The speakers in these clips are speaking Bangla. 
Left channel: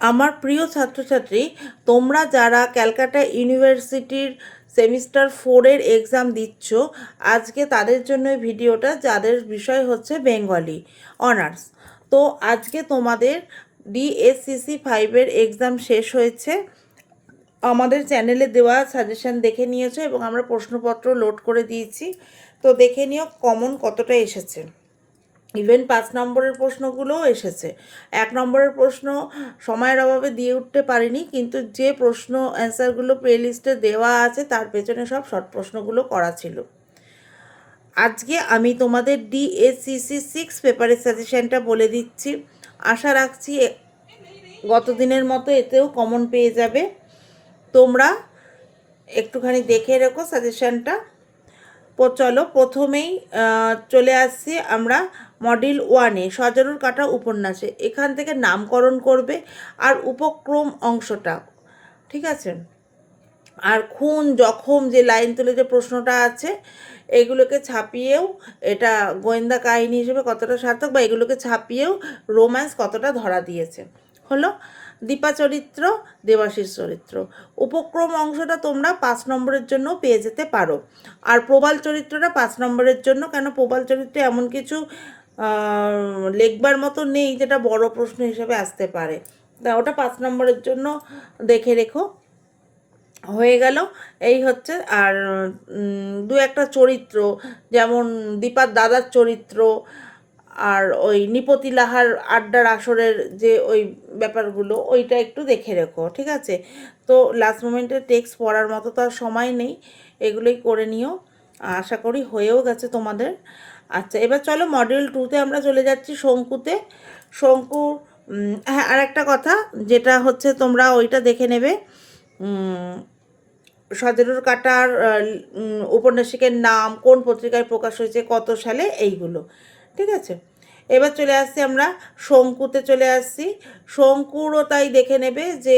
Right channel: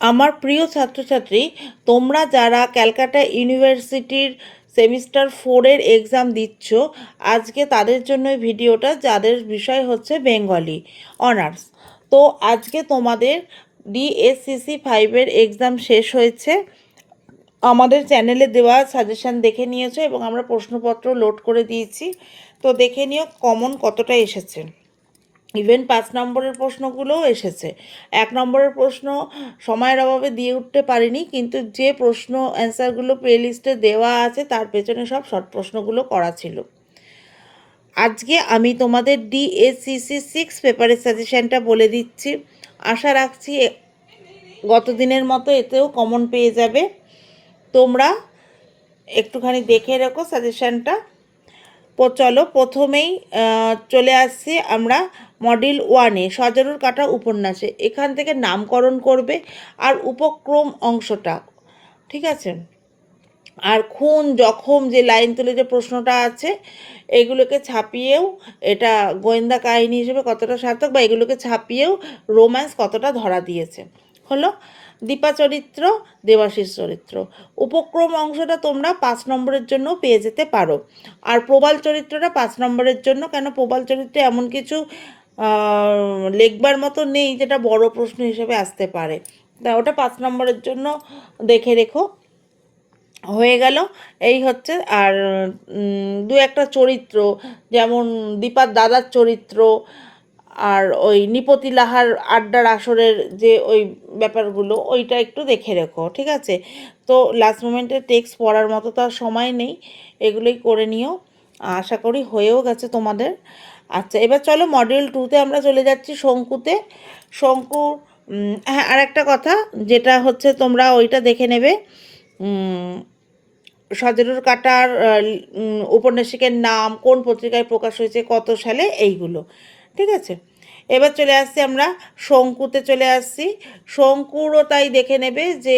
আমার প্রিয় ছাত্রছাত্রী, তোমরা যারা ক্যালকাটা ইউনিভার্সিটির সেমিস্টার 4-এর এক্সাম দিচ্ছ, আজকে তাদের জন্য এই ভিডিওটা, যাদের বিষয় হচ্ছে বেঙ্গলি অনার্স। তো আজকে তোমাদের ডিএসসিসি 5-এর এক্সাম শেষ হয়েছে। আমাদের চ্যানেলে দেওয়া সাজেশান দেখে নিয়েছো এবং আমরা প্রশ্নপত্র লোড করে দিয়েছি। তো দেখে নিও কমন কতটা এসেছে। ইভেন 5 নম্বরের প্রশ্নগুলোও এসেছে। 1 নম্বরের প্রশ্ন সময়ের অভাবে দিয়ে উঠতে পারিনি, কিন্তু যে প্রশ্ন অ্যান্সারগুলো প্লে লিস্টে দেওয়া আছে তার পেছনে সব শর্ট প্রশ্নগুলো করা ছিল। আজকে আমি তোমাদের ডিএসসিসি 6 পেপারের সাজেশানটা বলে দিচ্ছি। আশা রাখছি গত দিনের মতো এতেও কমন পেয়ে যাবে। তোমরা একটুখানি দেখে রেখো সাজেশানটা। চলো প্রথমেই চলে আসছি আমরা মডিউল 1-এ সজারুর কাঁটা উপন্যাসে। এখান থেকে নামকরণ করবে আর উপক্রম অংশটা, ঠিক আছে? আর খুন জখম যে লাইন তুলে যে প্রশ্নটা আছে, এগুলোকে ছাপিয়েও এটা গোয়েন্দা কাহিনী হিসেবে কতটা সার্থক, বা এগুলোকে ছাপিয়েও রোম্যান্স কতটা ধরা দিয়েছে। হলো দীপা চরিত্র, দেবাশিস চরিত্র। উপক্রম অংশটা তোমরা 5 নম্বরের জন্য পেয়ে যেতে পারো। আর প্রবাল চরিত্রটা 5 নম্বরের জন্য, কেন প্রবাল চরিত্রে এমন কিছু লেখবার মতো নেই যেটা বড় প্রশ্ন হিসেবে আসতে পারে। তা ওটা 5 নম্বরের জন্য দেখে রেখো। হয়ে গেল এই হচ্ছে। আর দু একটা চরিত্র, যেমন দীপার দাদার চরিত্র, আর ওই নিপতি লাহার আড্ডার আসরের যে ওই ব্যাপারগুলো, ওইটা একটু দেখে রেখো, ঠিক আছে? তো লাস্ট মোমেন্টে টেক্সট পড়ার মতো তো আর সময় নেই, এগুলোই করে নিও। আশা করি হয়েও গেছে তোমাদের। আচ্ছা, এবার চলো মডিউল 2-তে আমরা চলে যাচ্ছি, শঙ্কুতে। শঙ্কু, হ্যাঁ, আর একটা কথা যেটা হচ্ছে তোমরা ওইটা দেখে নেবে, সজরুর কাঁটার উপন্যাসিকের নাম, কোন পত্রিকায় প্রকাশ হয়েছে, কত সালে, এইগুলো, ঠিক আছে? এবার চলে আসছি আমরা শঙ্কুতে চলে আসছি। শঙ্কুরও তাই দেখে নেবে যে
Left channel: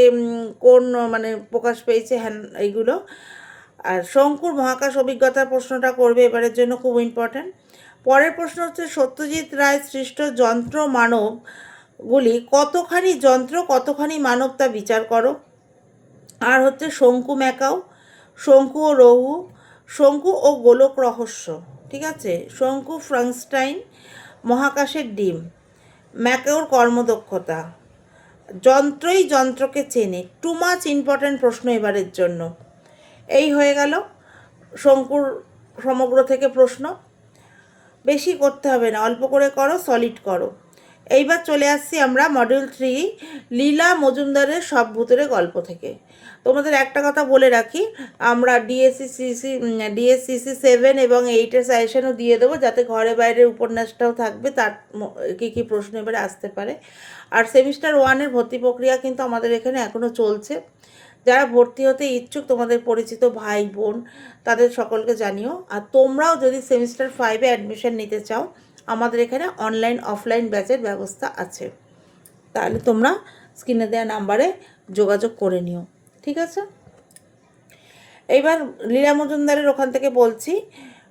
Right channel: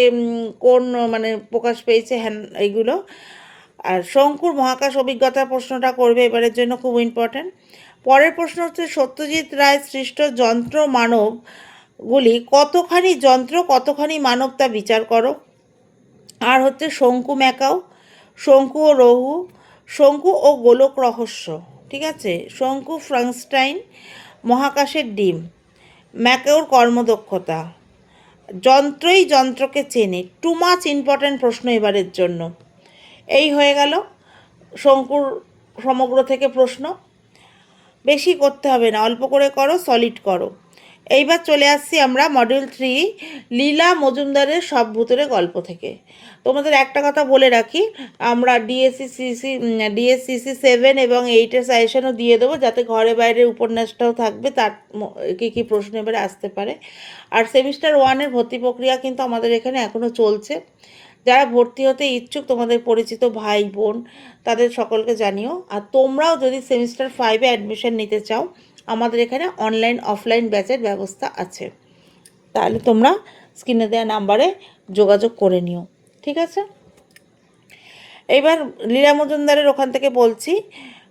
কোন মানে প্রকাশ পেয়েছে, হ্যাঁ, এইগুলো। আর শঙ্কুর মহাকাশ অভিজ্ঞতার প্রশ্নটা করবে এবারের জন্য, খুব ইম্পর্ট্যান্ট। পরের প্রশ্ন হচ্ছে সত্যজিৎ রায় সৃষ্ট যন্ত্র মানবগুলি কতখানি যন্ত্র কতখানি মানব তা বিচার করো। আর হচ্ছে শঙ্কু ম্যাকাও, শঙ্কু ও রহু, শঙ্কু ও গোলক রহস্য, ঠিক আছে? শঙ্কু ফ্রাঙ্কস্টাইন, মহাকাশের ডিম, ম্যাকাওর কর্মদক্ষতা, যন্ত্রই যন্ত্রকে চেনে। টু মাচ ইম্পর্ট্যান্ট প্রশ্ন এবারের জন্য। এই হয়ে গেল শঙ্কুর সমগ্র থেকে প্রশ্ন। বেশি করতে হবে না, অল্প করে করো, সলিড করো। এইবার চলে আসছি আমরা মডিউল 3 লীলা মজুমদারের সব ভূতের গল্প থেকে। তোমাদের একটা কথা বলে রাখি, আমরা ডিএসসিসি 7 এবং 8-এর সাজেশনও দিয়ে দেবো, যাতে ঘরে বাইরের উপন্যাসটাও থাকবে, তার কী কী প্রশ্ন এবারে আসতে পারে। আর সেমিস্টার 1-এর ভর্তি প্রক্রিয়া কিন্তু আমাদের এখানে এখনও চলছে। যারা ভর্তি হতে ইচ্ছুক, তোমাদের পরিচিত ভাই বোন, তাদের সকলকে জানিও। আর তোমরাও যদি সেমিস্টার 5-এ অ্যাডমিশন নিতে চাও, আমাদের এখানে অনলাইন অফলাইন ব্যাচের ব্যবস্থা আছে। তাহলে তোমরা স্ক্রিনে দেওয়া নাম্বারে যোগাযোগ করে নিও, ঠিক আছে? এইবার লীলা মজুমদারের ওখান থেকে বলছি,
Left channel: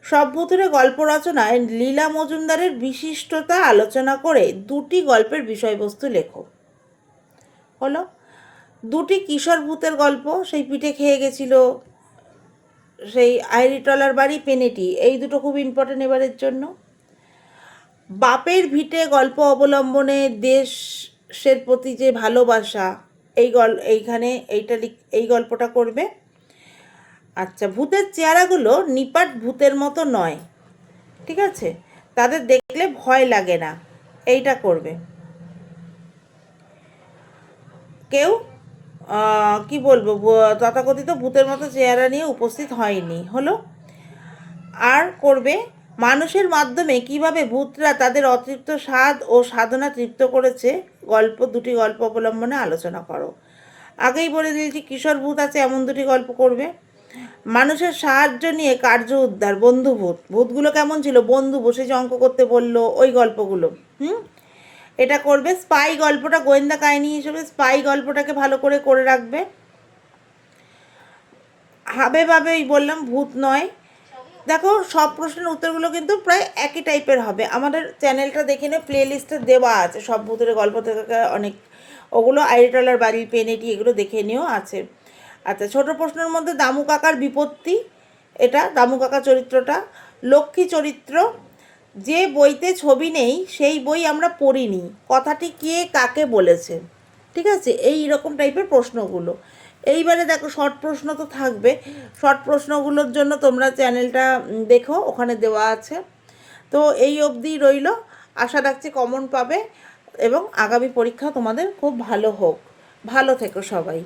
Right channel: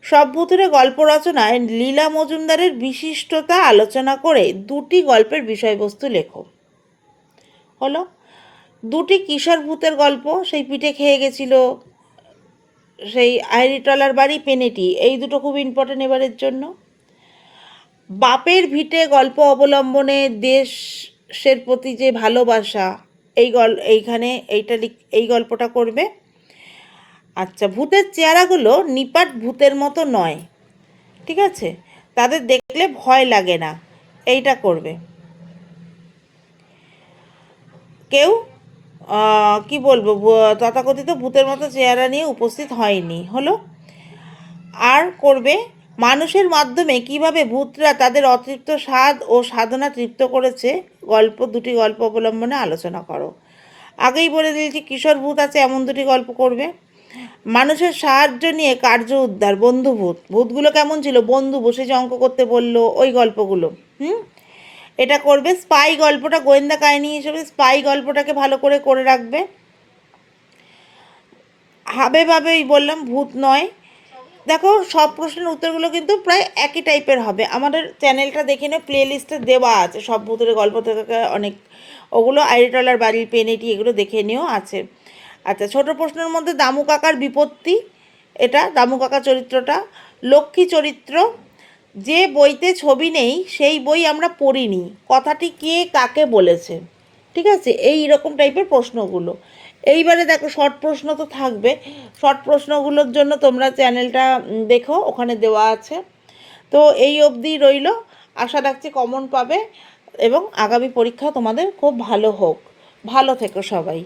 সব ভূতুরে গল্প রচনায় লীলা মজুমদারের বিশিষ্টতা আলোচনা করে 2টি গল্পের বিষয়বস্তু লেখো। হলো 2টি কিশোর ভূতের গল্প, সেই পিঠে খেয়ে গেছিল, সেই আইরিটলার বাড়ি, পেনেটি, এই দুটো খুব ইম্পর্টেন্ট এবারের জন্য। বাপের ভিটে গল্প অবলম্বনে দেশের প্রতি যে ভালোবাসা, এইখানে এই গল্পটা করবে। আচ্ছা, ভূতের চেহারাগুলো নিপাট ভূতের মতো নয়, ঠিক আছে? তাদের দেখলে ভয় লাগে না, এইটা করবে। কেউ কি বলবো, তথাকথিত ভূতের মতো চেহারা নিয়ে উপস্থিত হয়নি। হলো আর করবে মানুষের মাধ্যমে কিভাবে ভূতরা তাদের অতৃপ্ত স্বাদ ও সাধনা তৃপ্ত করেছে, 2টি গল্প অবলম্বনে আলোচনা করো। আগেই বলে দিয়েছি কিশোর ভূত আছে, এমন 2টি গল্প করবে। মানুষের সাহায্য নিয়ে কার্য উদ্ধার, বন্ধুভূত, ভূতগুলো কেমন ছিল, বন্ধু, বসে যে অঙ্ক করতে বললো, ওই গল্পগুলো, এটা করবে। স্পাই গল্পটা গোয়েন্দা কাহিনী হিসেবে স্পাই গল্পটাকে ভালো করে করে রাখবে। হাবে ভাবে ওই বললাম, ভূত নয়, দেখো সব প্রশ্নের উত্তরগুলো কিন্তু প্রায় একই টাইপের হবে। আমাদের চ্যানেলটা দেখে নে, প্লে লিস্টে দেওয়া আছে সব ভূতের গল্প থেকে অনেক, ওগুলো আইরিটলার বাড়ির পেনেটি এগুলো দেখে নিয়েও আছে। আচ্ছা, ছোট প্রশ্নের মধ্যে দামু কাকার বিপত্তি, এটা দামু কাকা চরিত্রটা। লক্ষ্মী চরিত্র, যে বইতে ছবি নেই সেই বই আমরা পড়িনি, কথাটি কে কাকে বলেছে। ঠিক আছে, এই রকম টাইপের প্রশ্নগুলো। এইবারে দেখো শর্ট প্রশ্ন তো থাকবে, শর্ট প্রশ্নগুলোর জন্য তোমরা চ্যানেলটা দেখো, ওখানে দেওয়া আছে। তো এই অবধি রইল, আশা রাখছি কমন পাবে এবং আগামী পরীক্ষা তোমাদের খুব ভালো হোক। ভালো থেকো সবাই।